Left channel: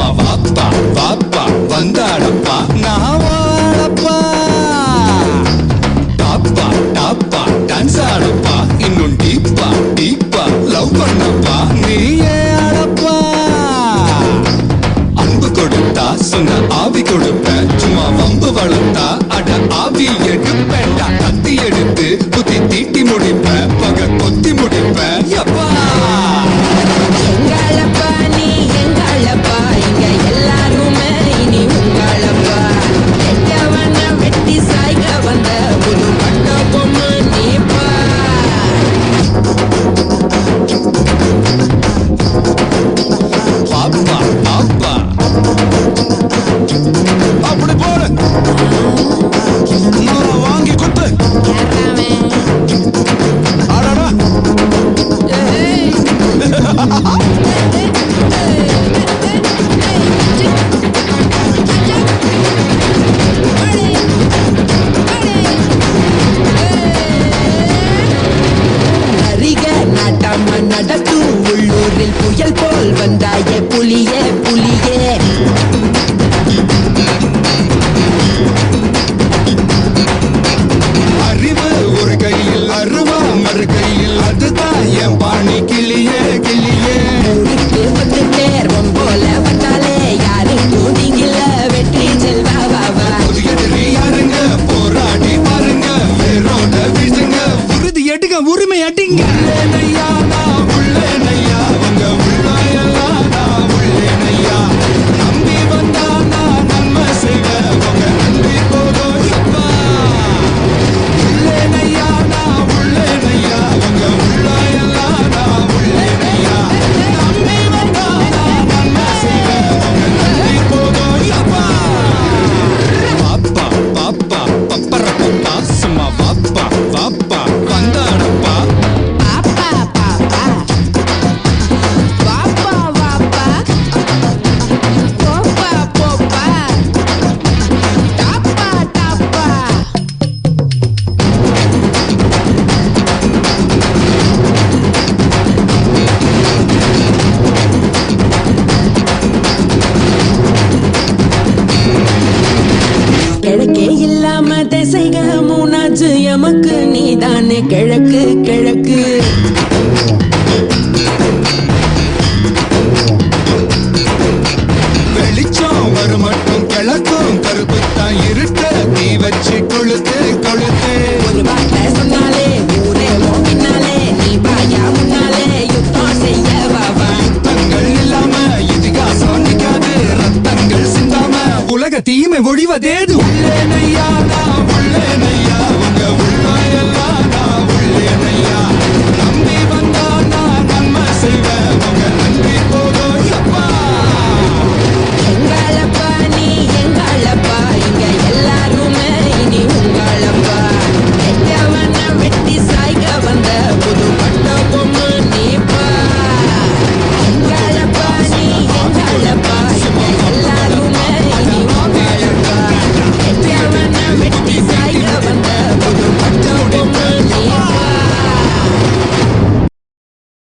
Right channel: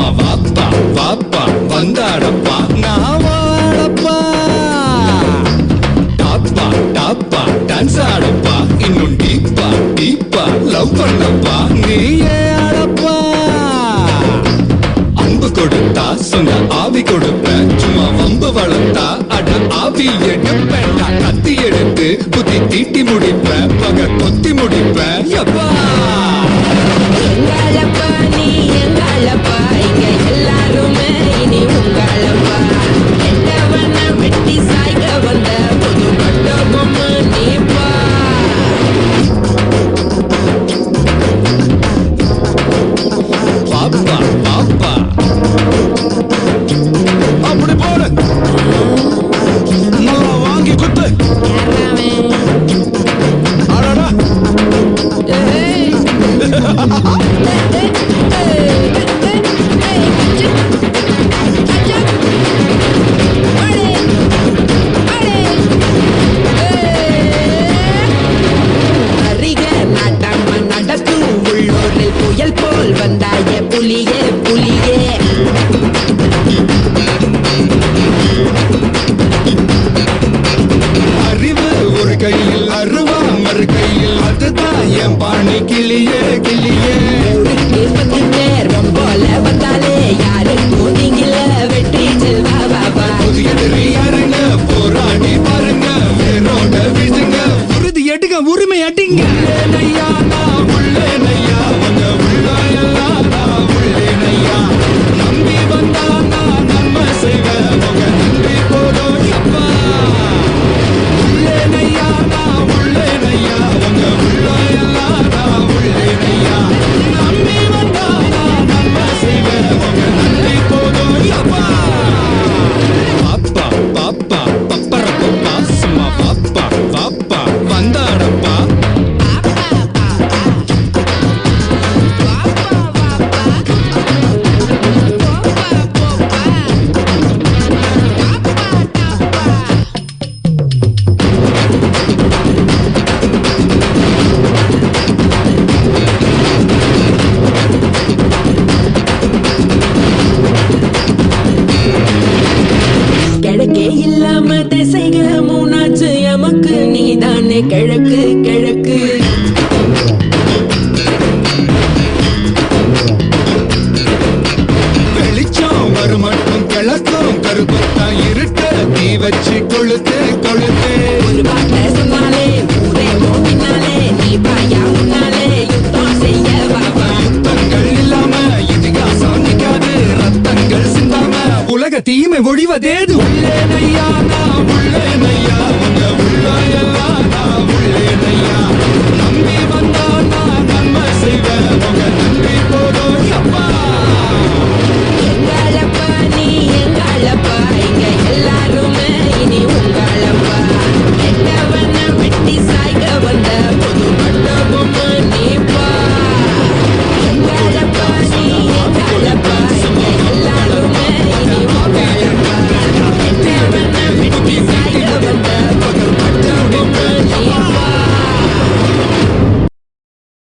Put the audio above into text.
சும்மா வாப்பா வாப்பா வந்தாடப்பா நான் வாழப்பா. டாப்பா டாப்பா டான்ஸ் ஆடப்பா இன்னும் டீப்பா டீப்பா லவ் பண்ணப்பா நீயே ஆடப்பா. அன்பு கொடுத்தா சொந்த ஆவி கொடுப்பேன், சும்மா வம்பு வளர்த்தா அட ஆவி எடுப்பேன்டா. கத்தி எடுத்து புத்தி தீட்டி முடிப்பேன், பக கொத்தி முடிப்பேன் எப்பா. எங்களப்பா நீ எங்களப்பா, இங்க எல்லாருமே இனி உங்களப்பா. கெட்டவன வெட்டி சாய்க்க வந்த புது பட்ட பொம்மை நீப்பா. பாப்பா பாப்பா அப்படி போடு, நல்லா வாங்கி குத்து. ஆடாடா நாட்டாம நடத்தும் உள்ளூரில் புயல் போல் வந்தாய புலியே புலியே. அறிவு ஒரு கையில் அருவா மறு கையில், அதுதான் என் பாணி கிளியே கிளியே. ஊருக்கு 10 பேர் போல வந்தாலே யாருக்கும் திங்கில வெற்றி செல்வா வாவா. புதிய எதிரி யாருங்க போராடி பாருங்க, வேரோட வீசுங்க, உறுதி எடுங்க உரிமை அடிங்க. உள்ளேனையா நான் உள்ளேனையா, உங்க உள்ளாயெல்லாம் நான் உள்ளேனையா. நம்பி வந்தா நான் நன்மை செய்வேன், உங்க நன்றி போதும் எப்பா. உள்ளேனையா நான் உள்ளேனையா, உங்க உள்ளாயெல்லாம் நான் உள்ளேனையா. நம்பி வந்தா நான் நன்மை செய்வேன், உங்க நன்றி போதும் எப்பா. பாப்பா பாப்பா பப்பர பப்பா சும்மா வாப்பா வாப்பா வந்தாடப்பா. பாப்பா பாப்பா வாப்பா வாப்பா போப்பா போப்பா டாப்பா டாப்பா. கிழக்கே இல்லாம திசைக மூணாச்சு எமக்கு நீதானே கிழக்கு கிழக்கு. வெளிச்சம் வரும் மட்டும் கிழக்கும் கருப்புத்தான் இருட்ட தீ வச்சு கொளுத்து கொளுத்து. ஒரு வார்த்தை சொன்னாலே ஊரே உன் பின்னாலே, நீ பாயா முன்னாலே யுத்தம் செய்ய வாவா. யுத்தங்கள் இல்லாம இதிகாசம் நிக்காது, ரத்தங்கள் சிந்தாம உலக தீமை ஒழிவதேது. உள்ளேனையா நான் உள்ளேனையா, உங்க உள்ளாயெல்லாம் நான் உள்ளேனையா. நம்பி வந்தா நான் நன்மை செய்வேன், உங்க நன்றி போதும் எப்பா. எங்களப்பா நீ எங்களப்பா, இங்க எல்லாருமே இனி உங்களப்பா. கெட்டவன வெட்டி சாய்க்க வந்த புது பட்ட பொம்மை நீப்பா. எங்களப்பா நீ எங்களப்பா, இங்க எல்லாருமே இனி உங்களப்பா. கெட்டவன வெட்டி